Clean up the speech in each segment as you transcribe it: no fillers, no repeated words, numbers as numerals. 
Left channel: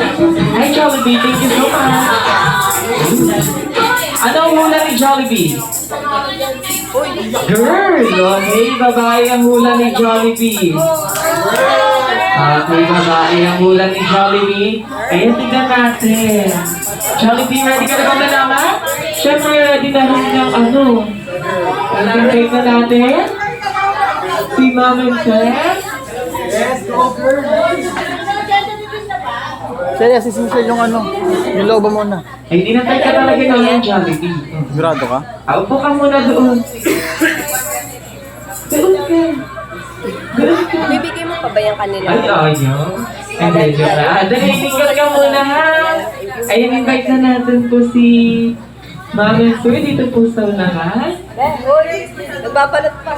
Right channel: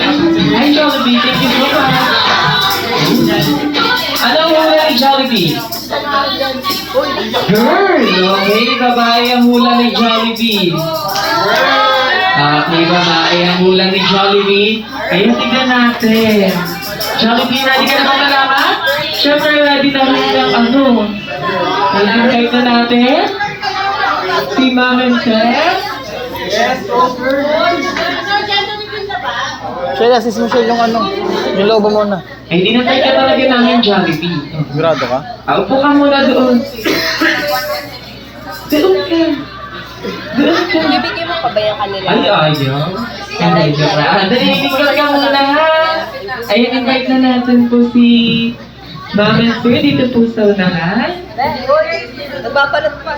Hi, Jollibee. Thank you so much. Ano ang hula ni Jollibee? Girl! Okay, babae ang hula ni Jollibee. Okay, babae ang hula ni Jollibee. Ayun, tignan natin. Jollibee, ready ka na ba malaman? Siyempre, ready na rin ng ano. Nalagay na natin. Si Mom and Seth. Yes, over. Shell, assist mo Shell yung ano. Yung lobo mo na. Ay, dinatay ka talaga namin, Jollibee. Sigurado ka? Upo ka muna doon. Doon ka. Doon ka. Ibigay mo pa ba yung kanila? Ay, ayaw. Hindi ka na. Ikot ka muna, ha? Ayun, invite na natin po si Ma'am and Sir dito po sa unahan. Magpapalot pa.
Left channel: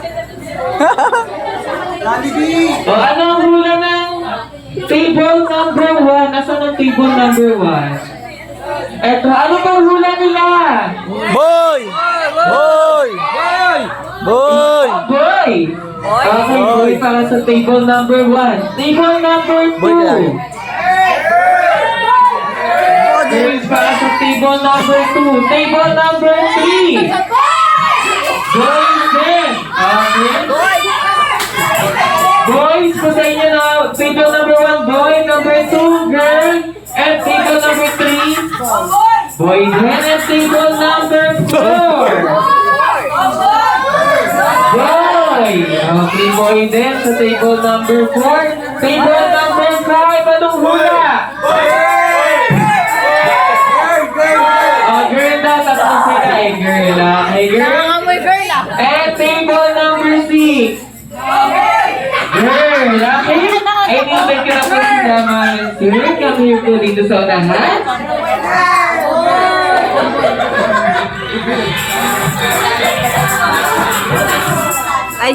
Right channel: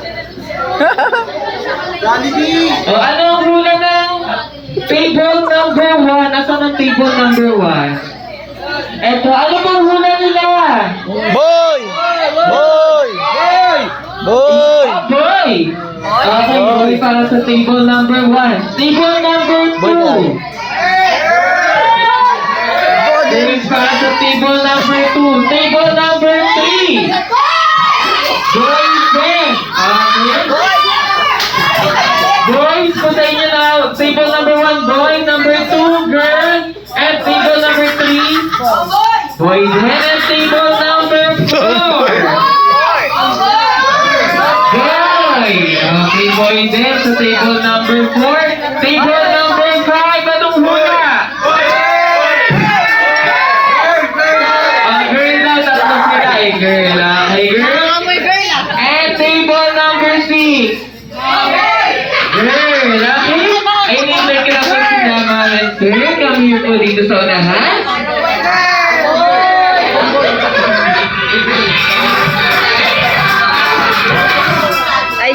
Jollibee! O, ano ang hula ng table number 1? Nasaan ang table number 1? Eto, ano bang hula nila? Boy! Boy! Boy! Boy! Okay, boy para sa table number 1. Table number 2. Boy ka. Boys para sa table number 2. Table number 3. Boys din. Okay. Boys, po sa inyo na. Table number 1, boy. Number 2, girl. And table number 3. Boy din. And table number 4. Boy! Okay, boy din sa table number 4. Table number 5, anong hula? Girl daw, tatapos sila. Ay, girl. Okay, girl. And table number 6. Girl, okay? Ay, nindal ka na po sila, mga sir. Kami po dito sa unahan. Ay.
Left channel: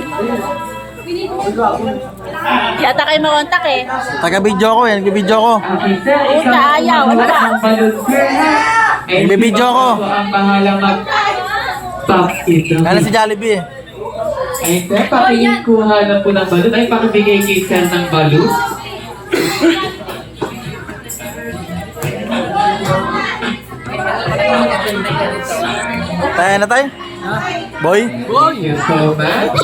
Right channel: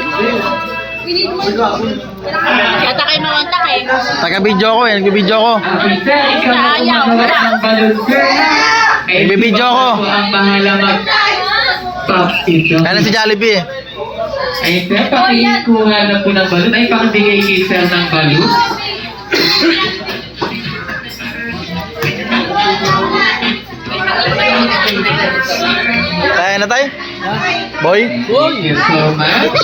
Yata kayo nakontak eh. Taga-video ko eh. Nag-video ko. Okay, sir. Ikaw na kumagawa ng balon, sir, ha? Eh, Ibibidyo ko. Ang bahala mag-pop ito. Kaya si Jollibee eh. Ay, sir, pakikuha na po ng balon. Ay, pakibigay kay sir ng balon. Tayo na tayo? Boy? Thank you so much.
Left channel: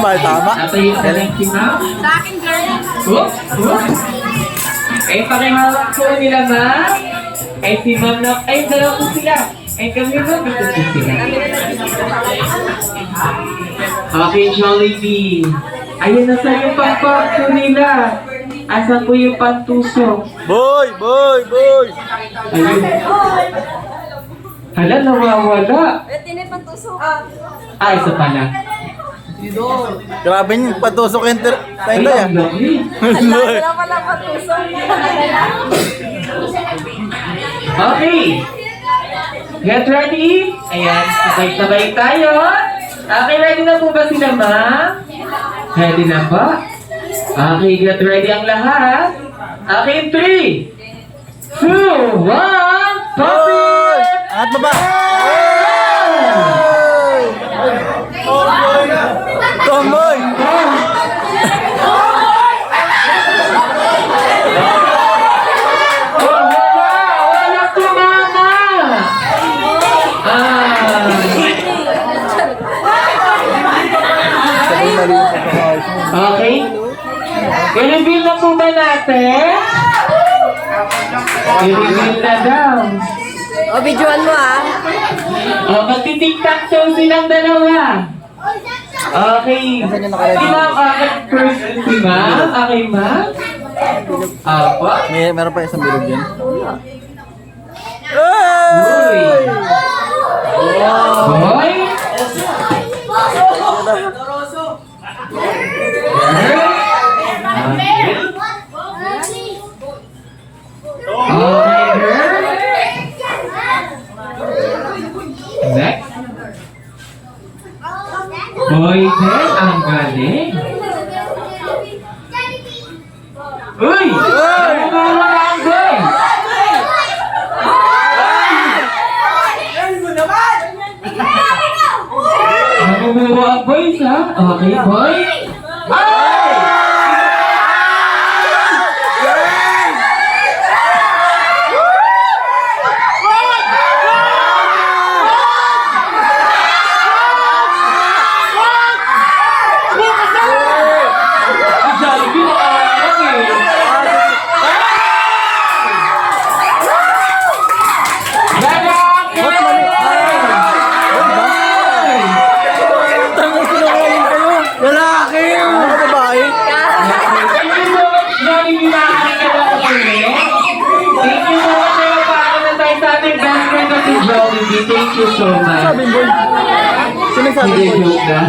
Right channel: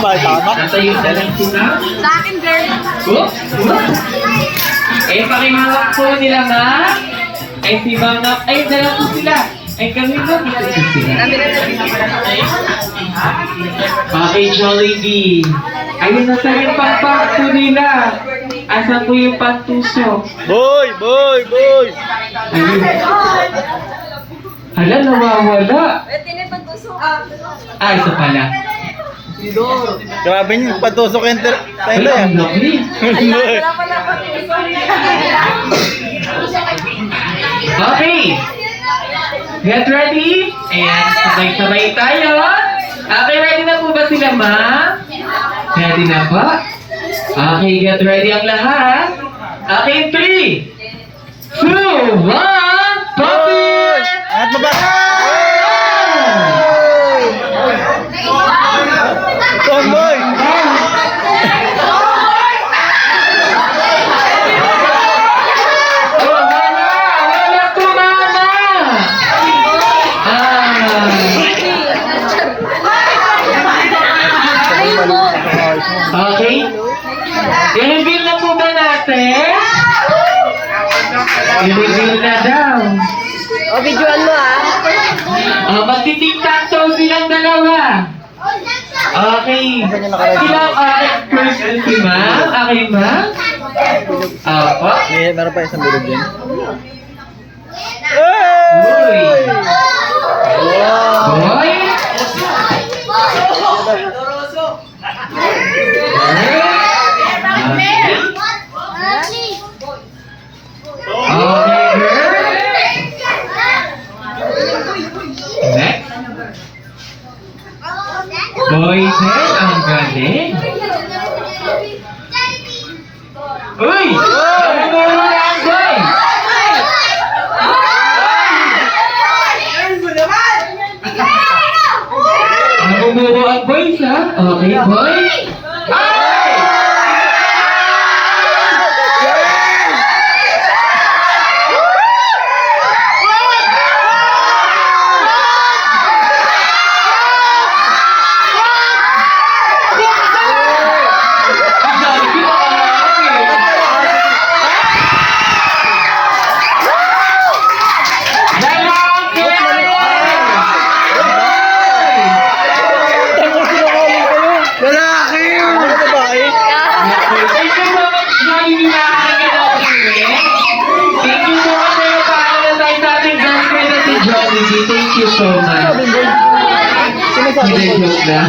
May tama. Natayo na lang si ma'am. Sa akin, girl. Eh, pakihawak po nila, ma'am. Ay, si ma'am na... Ay, dala po sila. Ay, kami na. Dito po sila. Okay, Jollibee. Ayun na sa yung pang-pangto nila. Asa po yung pang-tusok? Boy! Boy! Boy! Ayun. Hala, nawawala. Ah, isa pala. Grabe niyo. Patusok yung Ay, tayo ang ah. dami. Okay. Get ready? Ayan, sabay-sabay tayo. Okay, ready na po ba sila, ma'am? Ready na ba? Okay, get ready ang lahat. Okay, 3, 2, 1, Boy! At baba! Come boy! Wala tumama! Okay? I-reveal na po ba natin? I-reveal na daw. O, videoan mo ah. Magtitik-tak-toe silang dalawa. Okay. Sino ang aking first si ma'am? Okay, ma'am? Opo. Meron pa isang bilog dyan. Uy. Boy. Okay, girl. Next. Boy, din. Ang galing. Uy! Nagmumura ang boy! Nagmumura ang boy siya? Okay, boy? Ay! you so much. Sabi boy. Sino sabi Hindi, boy? joke lang.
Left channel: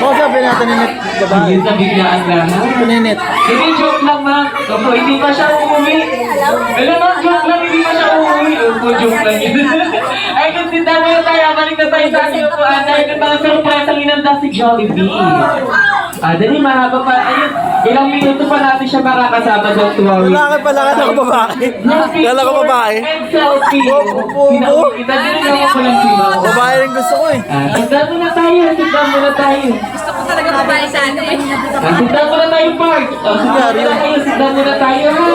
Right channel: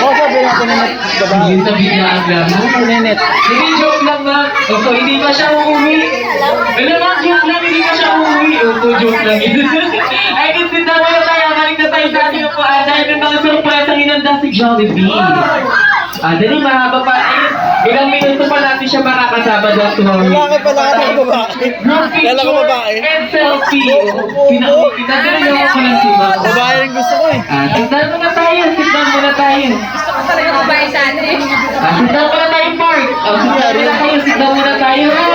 Oo, sabi natin na babae. Hindi sa biglaan lang. Pininit. Hindi, joke lang ma. Opo, hindi pa siya uuwi. Alam mo, joke lang, hindi pa siya uuwi. Opo, joke lang yun. Ay, kung sinta mo na tayo, balik na tayo sa ating upuan. Dahil may mga surprise ang inanda si Jollibee. Dali, mahaba pa. Ayun, ilang minuto pa natin siya makakasama doon to our Lalaki pala ka ng babae. Kala ko babae. and selfie. Kita din naman ko lang si Mama. Babae rin gusto ko eh. Tignan mo na tayo, tignan mo na tayo. Gusto ko talaga babae sana eh. Tignan mo na tayo, Mark. Tignan mo na tayo, tignan mo na tayo, ha?